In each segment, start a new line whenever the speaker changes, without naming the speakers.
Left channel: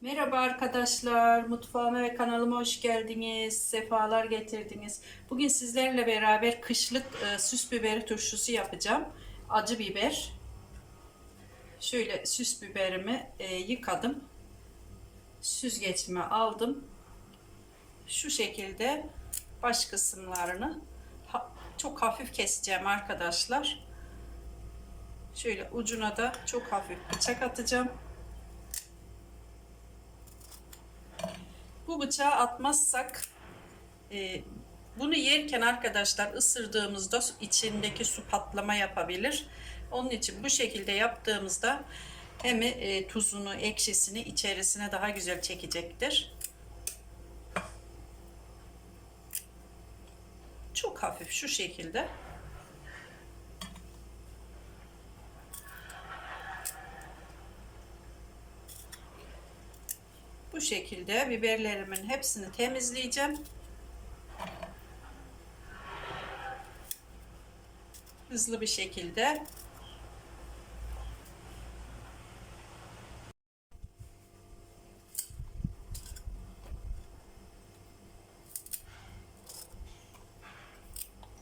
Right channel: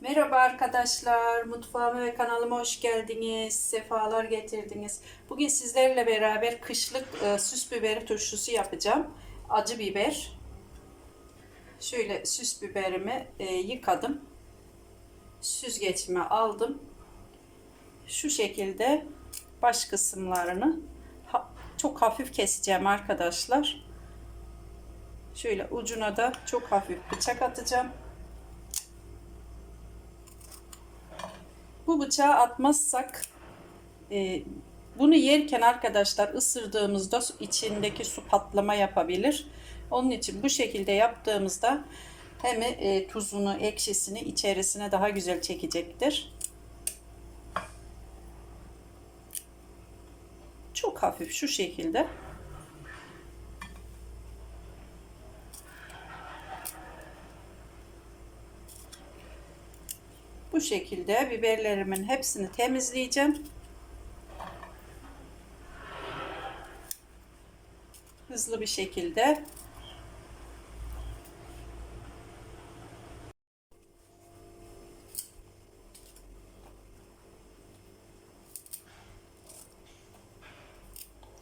Merhaba arkadaşlar, mutfağıma ve kanalıma hoş geldiniz, sefalar getirdiniz. Bugün sizlerle beraber kışlık e, süs biberi turşusu yapacağım. Acı biber. Şöyle süs biberimi e, yıkadım. Süzgeçime aldım. Şu şekilde baş kısımlarını ha- çok hafif keseceğim arkadaşlar. Şöyle ucuna da çok hafif bıçak atacağım. Bu bıçağı atmazsak e, bunu yerken arkadaşlar ısırdığımızda içindeki su patlama yapabilir. Onun için bu şekilde yaptığımızda hem e, tuzunu, ekşisini içerisine daha güzel çekecektir. Çok hafif şu şekilde. Bu şekilde biberlerimin hepsini temizleyeceğim. Hızlı bir şekilde.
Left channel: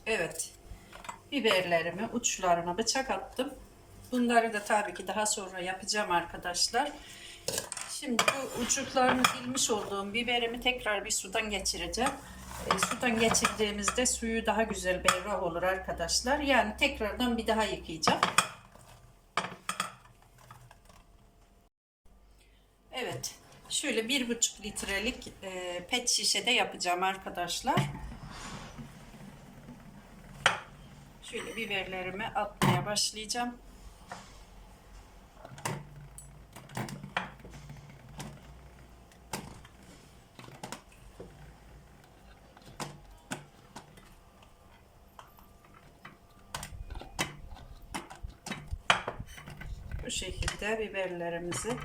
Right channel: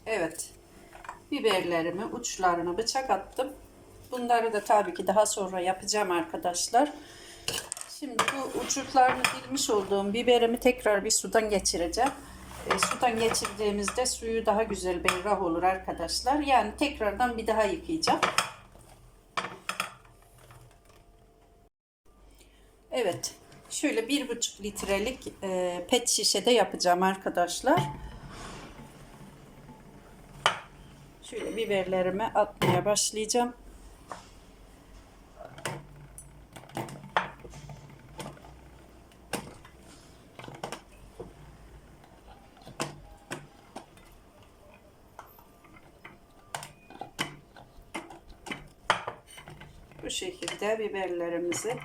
Evet. Biberlerimi uçlarına bıçak attım. Bunları da tabii ki daha sonra yapacağım arkadaşlar. Şimdi bu uçuklarını bilmiş olduğum biberimi tekrar bir sudan geçireceğim. E, sudan geçirdiğimizde suyu daha güzel berrak olur arkadaşlar. Yani tekrardan bir daha yıkayacağım. Evet. Şöyle bir buçuk litrelik e, pet şişede yapacağım arkadaşlar. Şöyle biberlerimi atmaya başlayacağım. Şekilde biberlerimizi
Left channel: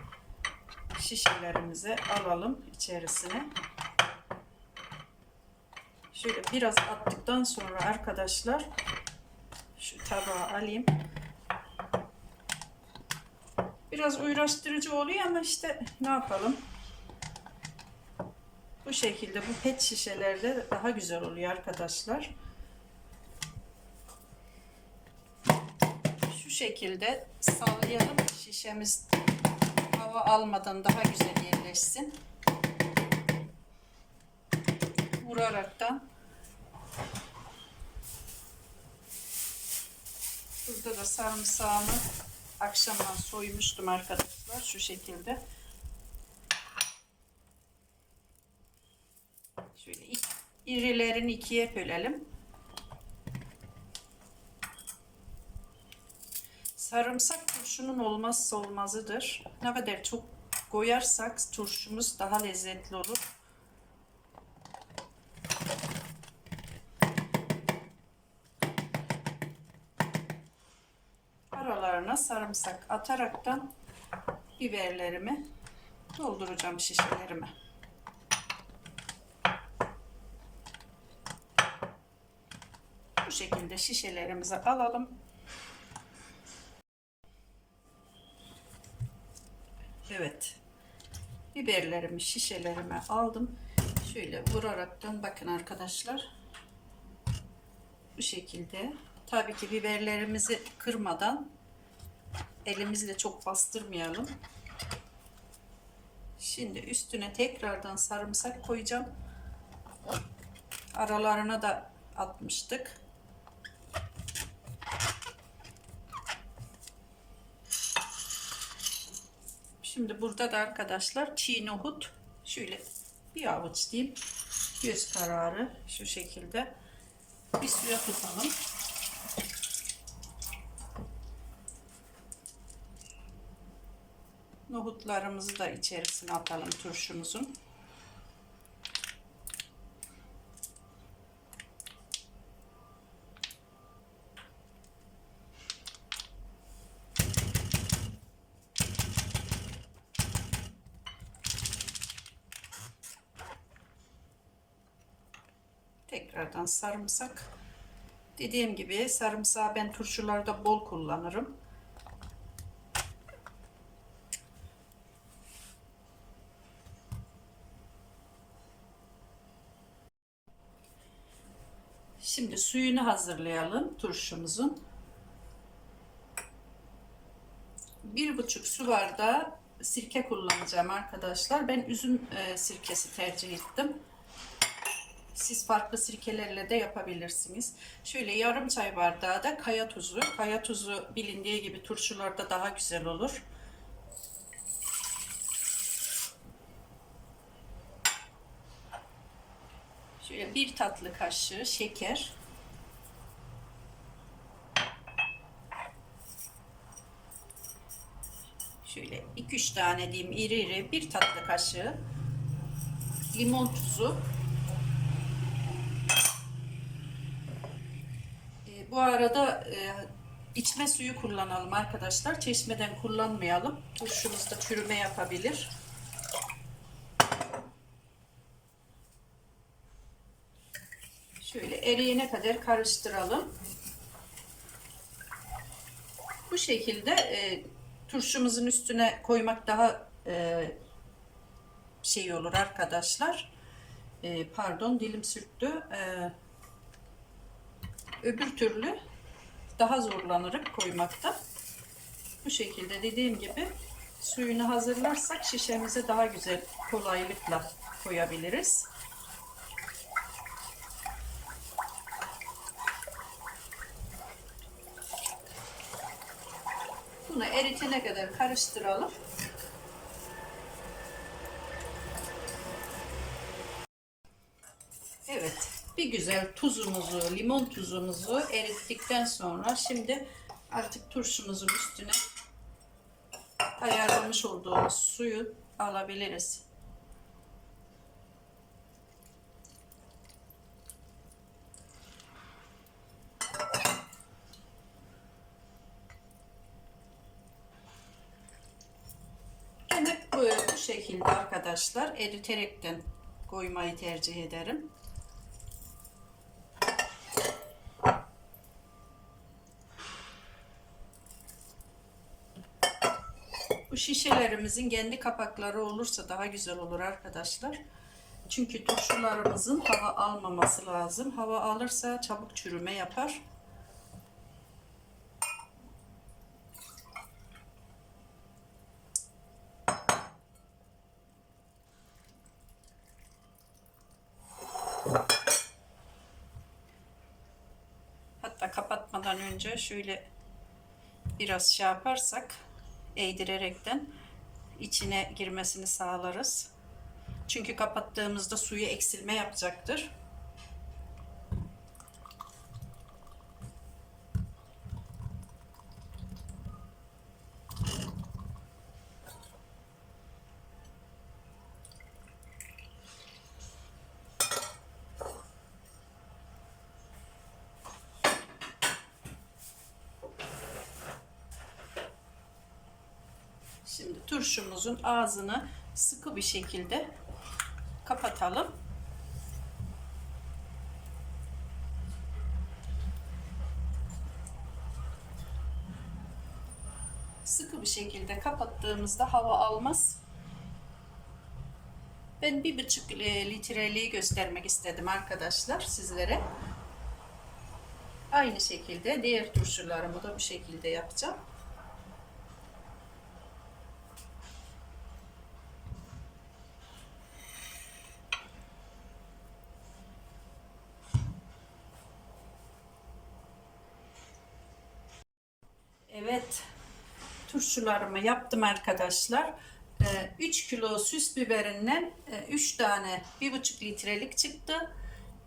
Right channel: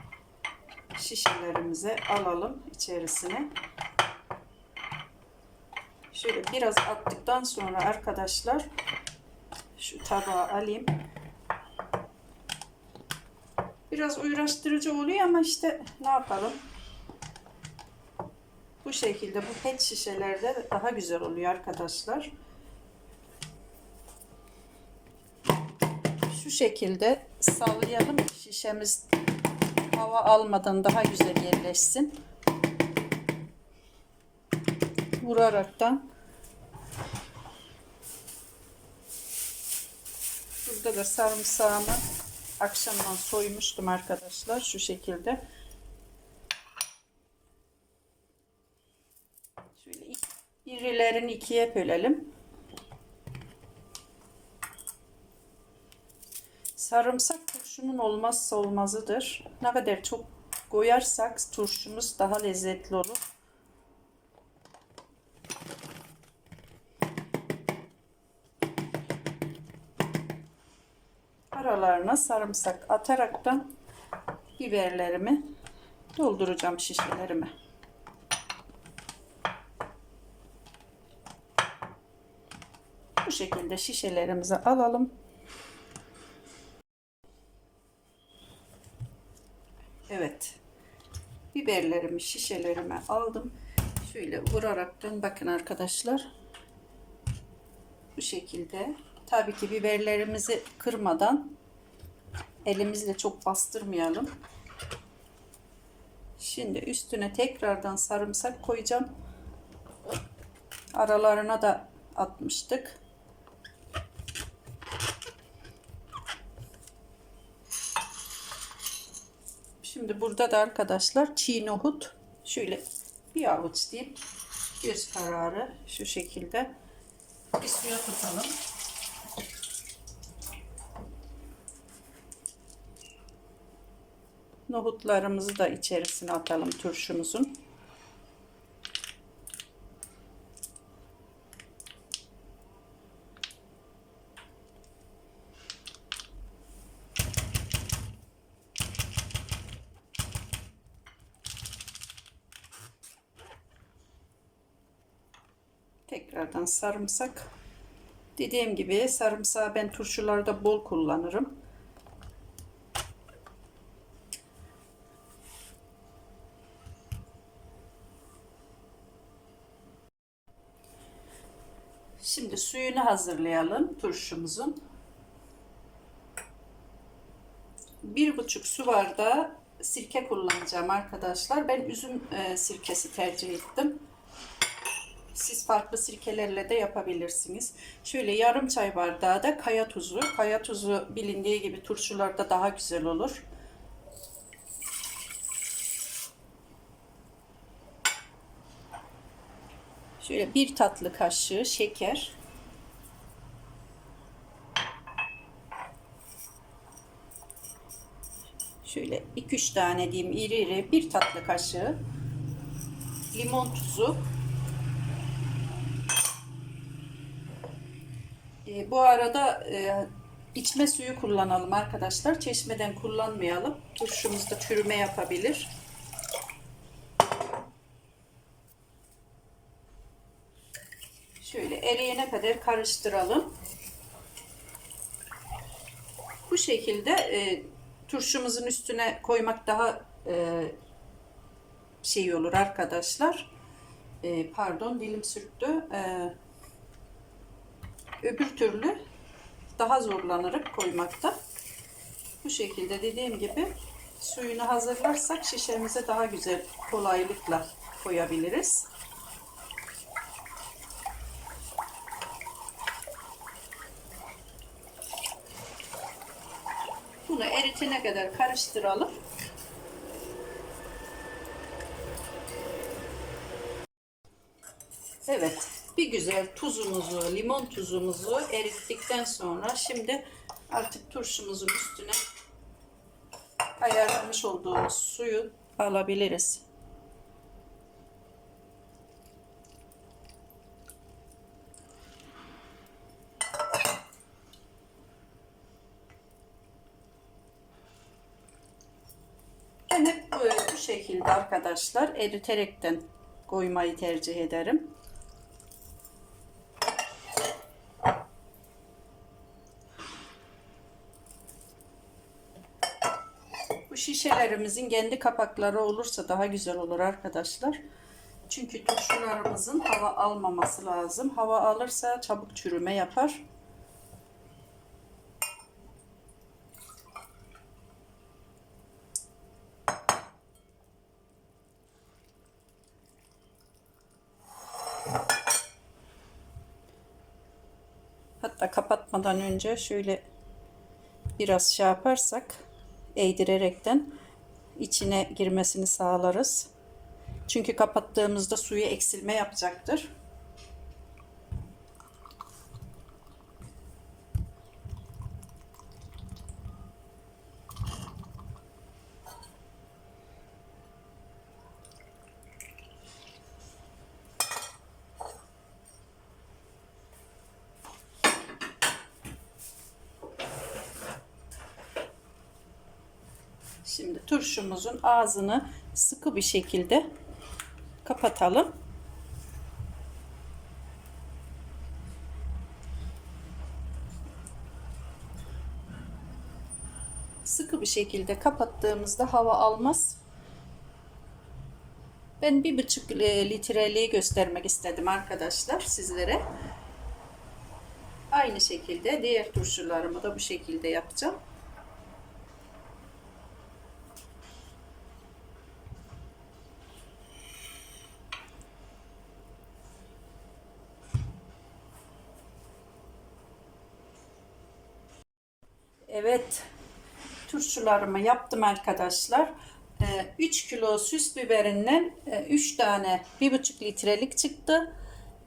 şişelerimize alalım içerisine. Şöyle biraz attıktan sonra arkadaşlar şu tabağa alayım. Biraz uğraştırıcı oluyor ama işte ne yapalım. Bu şekilde bu pet şişelerde daha güzel oluyor arkadaşlar. Şu şekilde sallayalım şişemiz hava almadan daha güzel yerleşsin. Vuraraktan Burada da sarımsağımı akşamdan soymuştum arkadaşlar şu şekilde. Şöyle irilerini ikiye bölelim. Sarımsak turşunun olmazsa olmazıdır. Ne kadar çok koyarsak turşumuz daha lezzetli olur. Aralarına sarımsak ataraktan biberlerimi dolduracağım şişelerime. Bu şekilde şişelerimizi alalım. Evet. Biberlerimi şişelerime aldım. Şöyle vuraraktan bakın arkadaşlar. Bu şekilde. Tabii ki biberlerimizi kırmadan elimizle çok bastırmayalım. Şimdi üstüne tekrardan sarımsak koyacağım. Aralarına da atmıştık. Şimdi burada da arkadaşlar çiğ nohut şöyle bir avuç diyeyim. Göz kararı şu şekilde bir suya tutalım. Nohutlarımızı da içerisine atalım turşumuzun. Tekrardan sarımsak. Dediğim gibi sarımsağı ben turşularda bol kullanırım. Şimdi suyunu hazırlayalım turşumuzun. Bir buçuk su bardağı sirke kullanacağım arkadaşlar. Ben üzüm e, sirkesi tercih ettim. Siz farklı sirkelerle de yapabilirsiniz. Şöyle yarım çay bardağı da kaya tuzu. Kaya tuzu bilindiği gibi turşularda daha güzel olur. Şöyle bir tatlı kaşığı şeker. Şöyle 2-3 tane diyeyim iri iri bir tatlı kaşığı limon tuzu. E, bu arada e, içme suyu kullanalım arkadaşlar. Çeşmeden kullanmayalım. Turşumuzda çürüme yapabilir. Şöyle eriyene kadar karıştıralım. Bu şekilde e, turşumuzun üstüne koymak daha e, şey olur arkadaşlar. E, pardon dilim sürttü. E, öbür türlü daha zorlanırık koymakta. Bu şekilde dediğim gibi suyunu hazırlarsak şişemize daha güzel kolaylıkla koyabiliriz. Bunu eritene kadar karıştıralım. Evet, bir güzel tuzumuzu, limon tuzumuzu erittikten sonra şimdi artık turşumuzun üstüne ayarlamış olduğumuz suyu alabiliriz. Ben hep bu, bu şekilde arkadaşlar eriterekten koymayı tercih ederim. Bu şişelerimizin kendi kapakları olursa daha güzel olur arkadaşlar. Çünkü turşularımızın hava almaması lazım. Hava alırsa çabuk çürüme yapar. Hatta kapatmadan önce şöyle biraz şey yaparsak eğdirerekten içine girmesini sağlarız. Çünkü kapattığımızda suyu eksilme yapacaktır. Şimdi turşumuzun ağzını sıkı bir şekilde kapatalım. Sıkı bir şekilde kapattığımızda hava almaz. Ben bir buçuk litreliği göstermek istedim arkadaşlar sizlere. Aynı şekilde diğer turşularımı da bu şekilde yapacağım. Evet, turşularımı yaptım arkadaşlar. 3 kilo süs biberinden 3 tane 1,5 litrelik çıktı.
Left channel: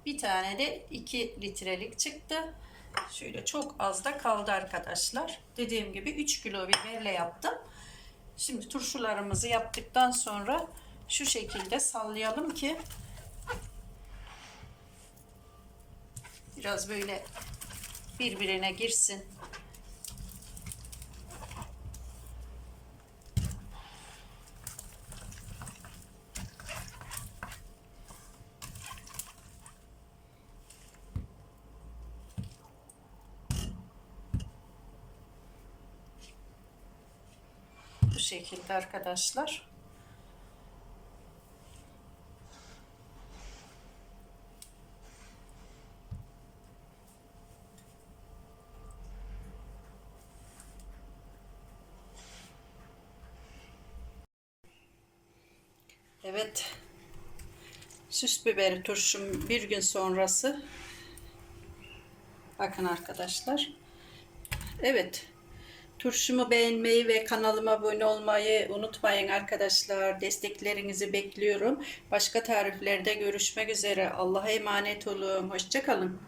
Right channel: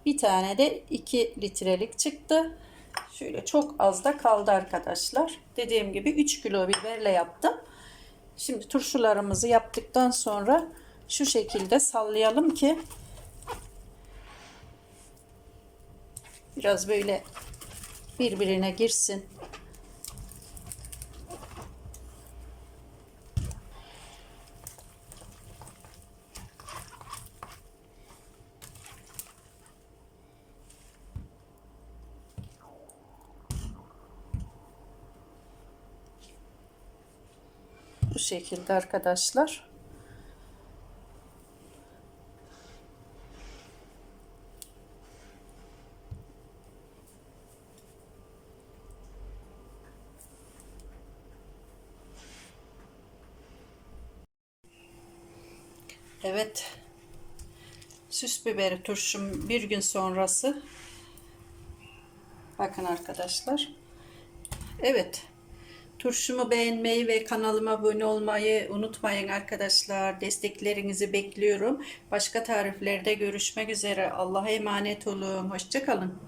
Bir tane de 2 litrelik çıktı. Şöyle çok az da kaldı arkadaşlar. Dediğim gibi 3 kilo biberle yaptım. Şimdi turşularımızı yaptıktan sonra şu şekilde sallayalım ki biraz böyle birbirine girsin. Bu şekilde arkadaşlar. Evet. Süs biberi turşum bir gün sonrası. Bakın arkadaşlar. Evet. Turşumu beğenmeyi ve kanalıma abone olmayı unutmayın arkadaşlar. Desteklerinizi bekliyorum. Başka tariflerde görüşmek üzere. Allah'a emanet olun. Hoşçakalın.